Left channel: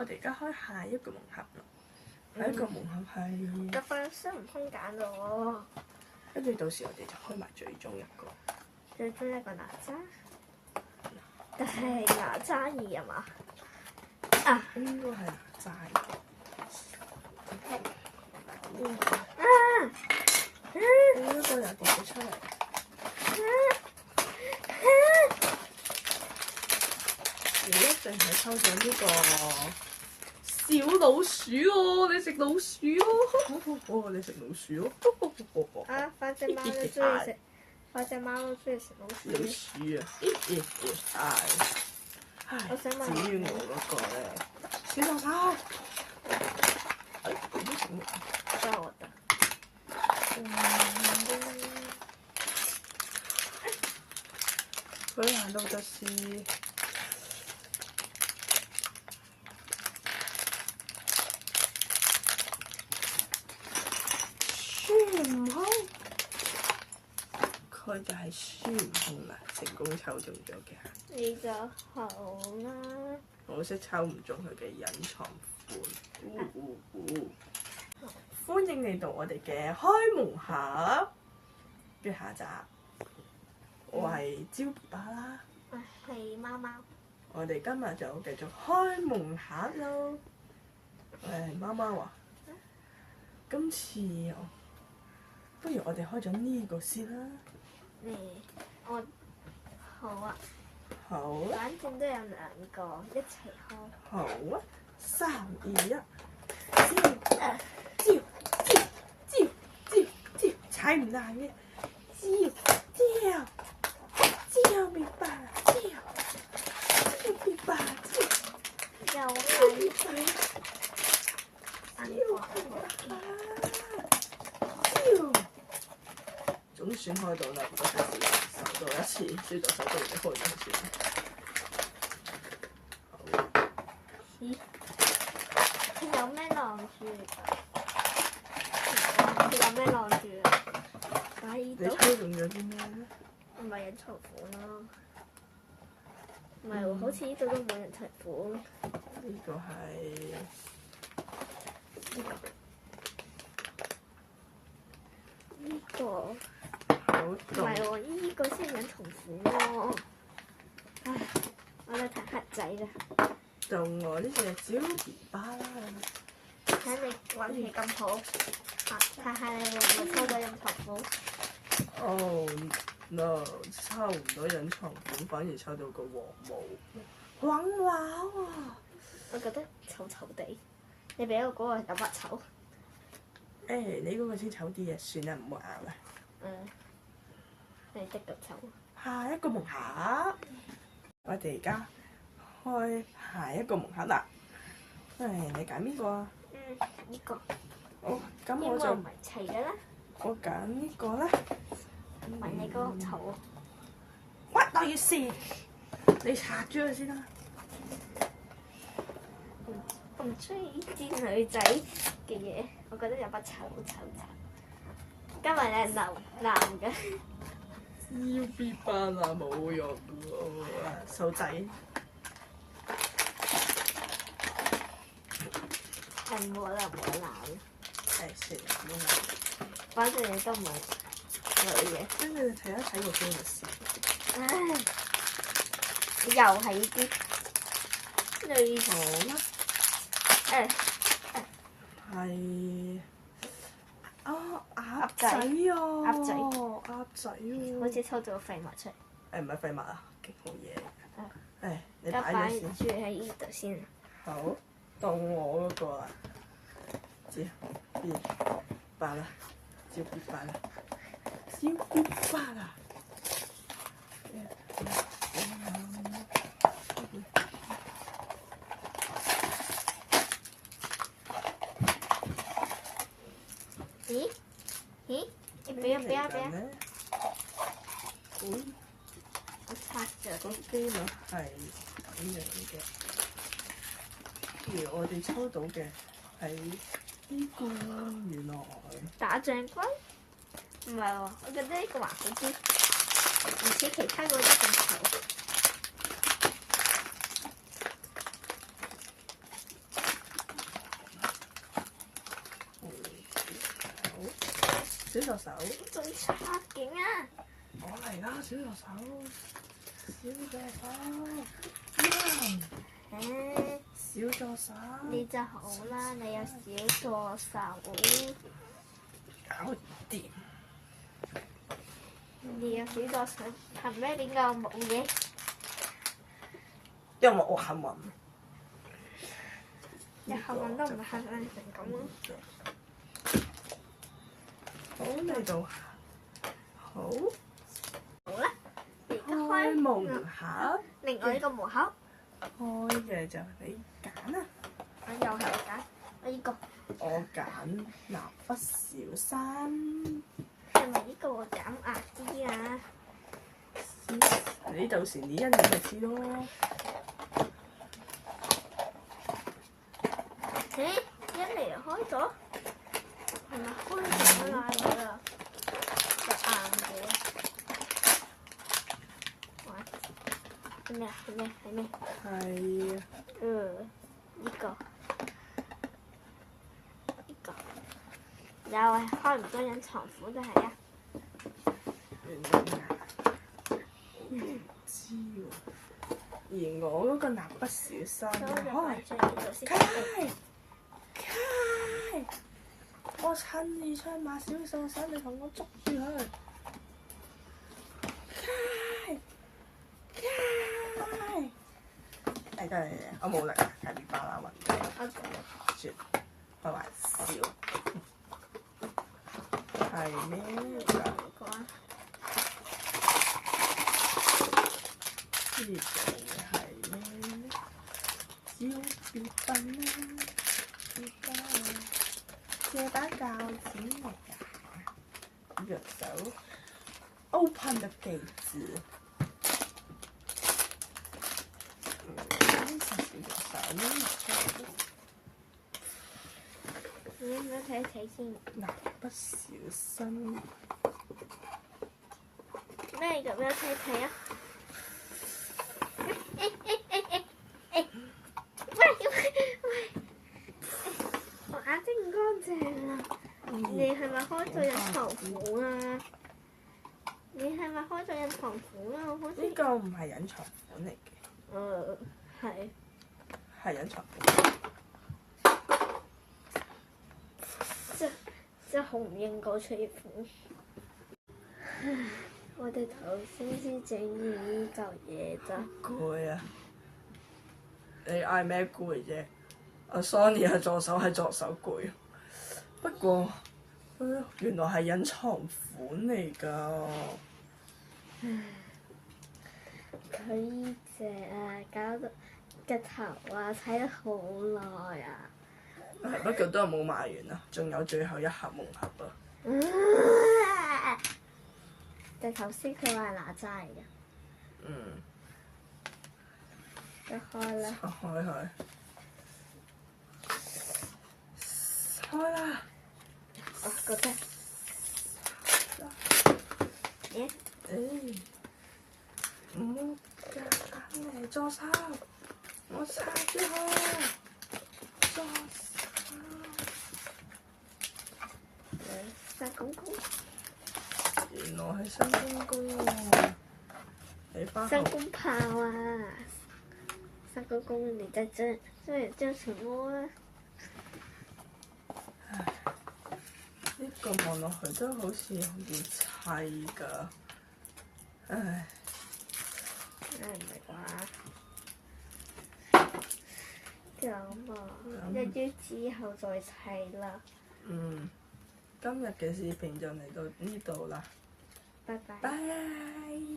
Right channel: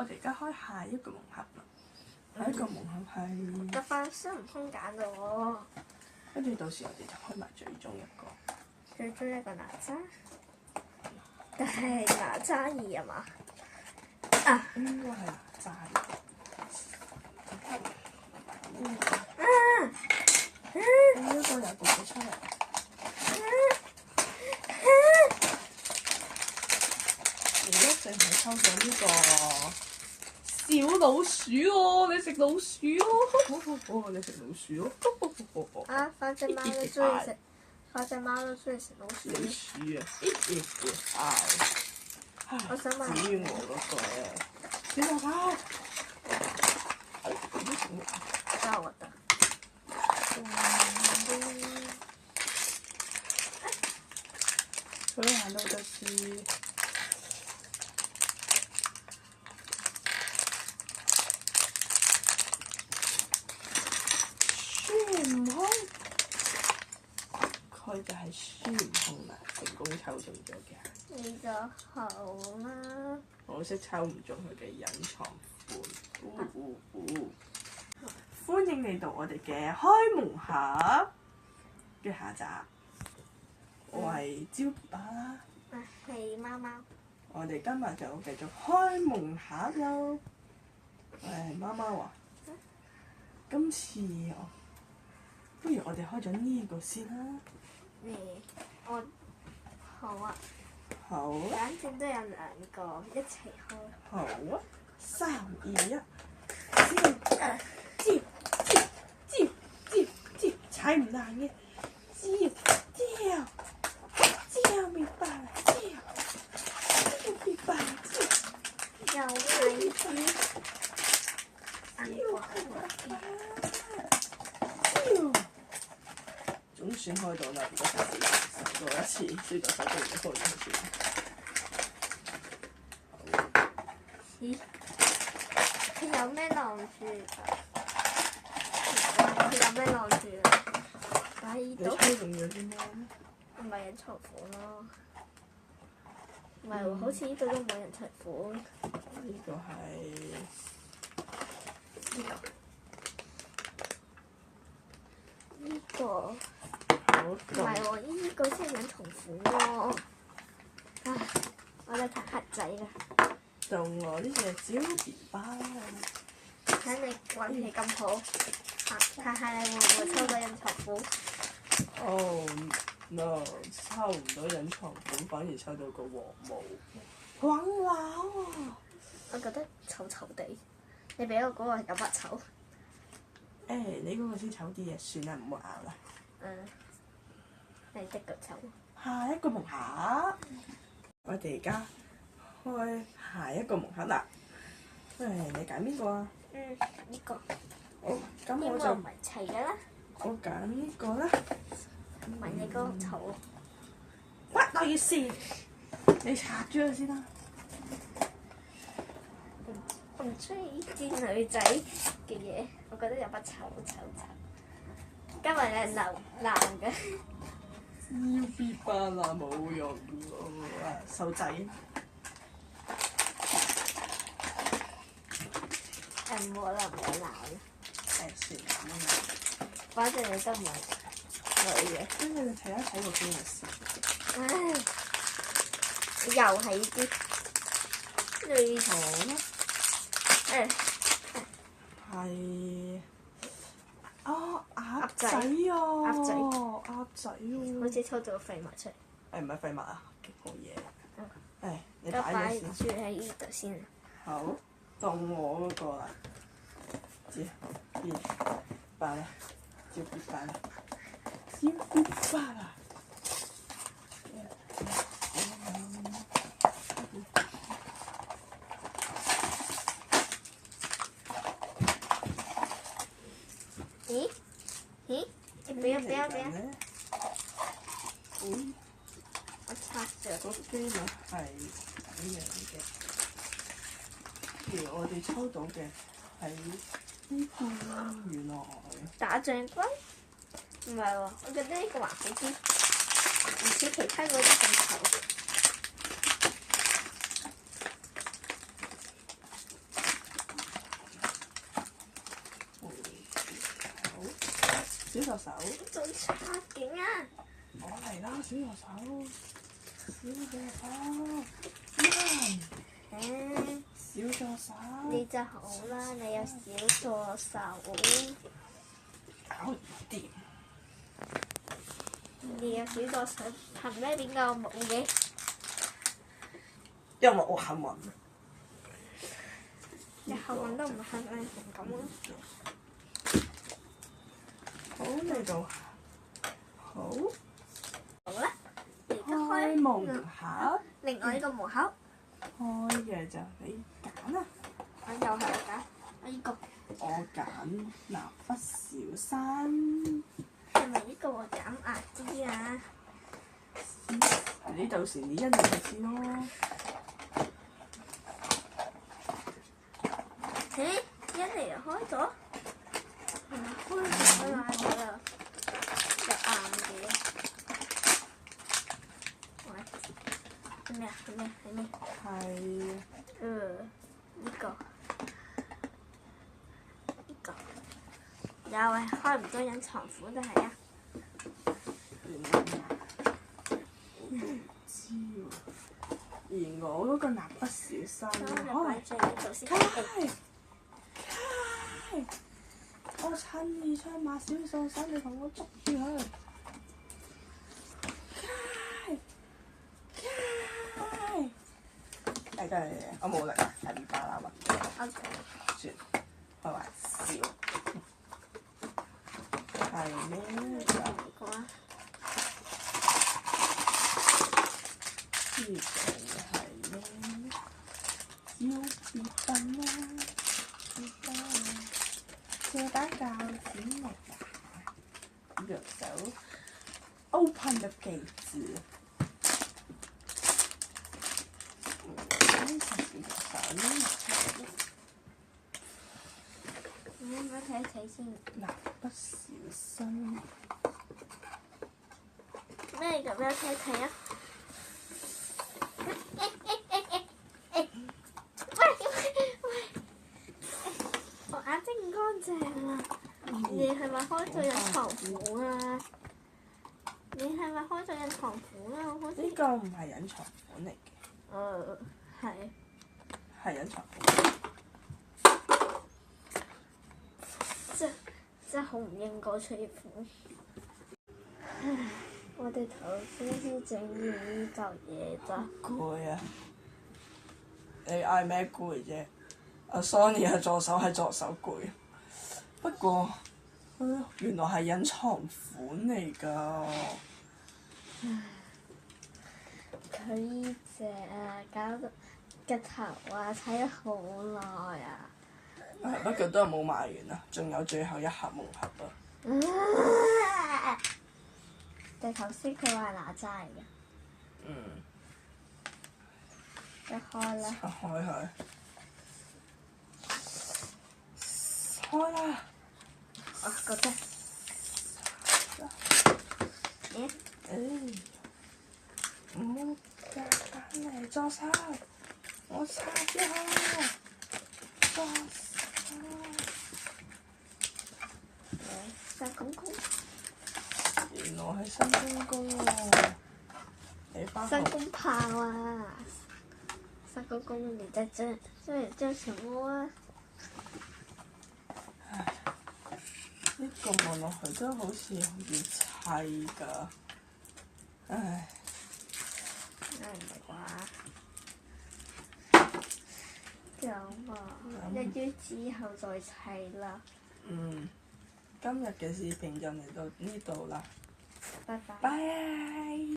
我哋而家開下一個盲盒啦。下一個盲盒係，就快孫悟空揀到喎。跟住到時我哋就開埋最終一個。最終一個哪吒，但係哪吒二啊嘛？啊！應該係哪吒。呢個又讀咗出嚟。你一定係抽咗呢個小老鼠喎！你食老鼠喎！你食老鼠喎！啊！反正貓都中意食，反正貓都中意食老鼠。老鼠啊！係。我想問，至於我嗰個咧，小老手，你都食咩？教我的。佢行到個市。孫悟空，佢就係孫悟空啦，成功抽中咗嘅。你就好啦。我識抽唔中佢嘅隱藏款。歡迎嚟到我哋嘅開蒙盒嘅下集。我係招爸爸啦。我係貓貓。我哋今日就繼續開蒙盒咯。貓貓啊，今次不如我哋開咗呢個先啦。我好啊。好啊。反正都有兩個，一齊開。好啊，3、2、1，招，踩唔爛嘅，招，明白啦，明白啦，又係招。總算開到啦，唔該晒你手多一次，輸咗手都唔開咗先。咦？佢有咩晾住㗎？佢有咩晾住啊？喺你度。抽中咗啲咩咧？唔係隱藏款咯。唔係喎，好似呢度都冇隱藏款。呢個係呢個好唔中。係喎，呢個先係隱藏款喎。唉，我哋太黑仔啦。中我呢隻招兒巴。睇你運氣咁好，睇下你會唔會抽到隱藏款？Oh no！抽唔到隱藏款，反而抽到個黃毛。黃畫喎！我覺得醜醜地，你俾我嗰個有乜醜？你嗰個先醜啲嘅，算啦，唔好拗啦。你的腳醜。下一個蒙盒，我哋而家開下一個蒙盒啦。你揀邊個啊？呢個。好，咁呢我就個唔係齊嘅啦。我揀呢個啦。唔係你嗰個醜喎。乜我要試？你拆咗佢先啦。我唔中意呢啲女仔嘅嘢，我覺得有乜醜。今日係男嘅。UB 班啊，冇用喎，手仔。唔好啦，唔好鬧。算啦，唔好反正你都冇女嘅。跟住你睇一睇個機咪先。又係呢啲女好啦。係鴨仔仔啊！鴨仔鴨仔喎！好似抽咗廢物出嚟。唔係廢物啊，幾好嘢。你而家擺咗擺住先。喺呢度先。好，到我嗰個啦。擺啦，照別擺啦，照別擺啦。咦？你俾啊！嗯，我拆咗。嗰啲咪係咁樣嘅。而我哋抽到嘅係呢個，原來打仗龜？唔係喎，我覺得呢個還好啲，唔似其他嗰啲咁醜。小助手，做差勁啊！我嚟啦，小助手，小助手，小助手，你就好啦，你有小助手。搞掂。你有小助手，憑咩邊個冇嘅？因為我幸運。你幸運都唔幸運成咁咯。好嚟到，好。好啦，而家開開門盒，另外呢個門口，開嘅就你揀啊！我又係我揀，我呢個我揀蠟筆小新。係咪呢個我揀壓啲啊？你到時你一嚟就知咯。咦？一嚟就開咗？係咪開咗啦？又硬嘅。喂，係咩啊？係咩？係咩？係。呢個又係開唔到隱藏款就係啊！唔知喎。而我嗰個蠟筆小新，咁我就擺喺呢度先。開！我親自出馬小助手，你同我捉住佢。開！係真係，我冇力，係唔巴啦嘛。算，開玩笑。係咩？呢個係咩？小別笨啦，別笨啦，借把鉸剪嚟㗎。右手 open 的記字。睇一睇先。蠟筆小新。咩咁樣睇睇啊？喂！我眼睛唔乾淨啊！你係咪開咗隱藏款啊？你係咪開咗隱藏款啊？好似呢個唔係隱藏款嚟嘅。係。係隱藏款。即係好唔應該出呢款。我哋頭先先整完呢嚿嘢咋。攰啊！你嗌咩攰啫？阿 Sony 係助手，係助手攰。不過，原來係隱藏款嚟㗎。佢呢隻啊，搞到個頭啊，睇咗好耐啊！不過都係冇賣完啊，仲有最後一盒盲盒啊！但頭先佢話係哪吒嚟嘅。一開啦！開佢！開啦！我覺得。唔好夾硬嚟助手，我殺咗佢！助手。殺公公。原來係新公公喎！你翻新公炮啊！新公公，你在這叫什麼啊？呢個望落去都好似好易砌㗎，唉。唔係啩？咁啊，一於之後再砌啦。今日嘅視頻就嚟到呢度啦，拜拜。拜。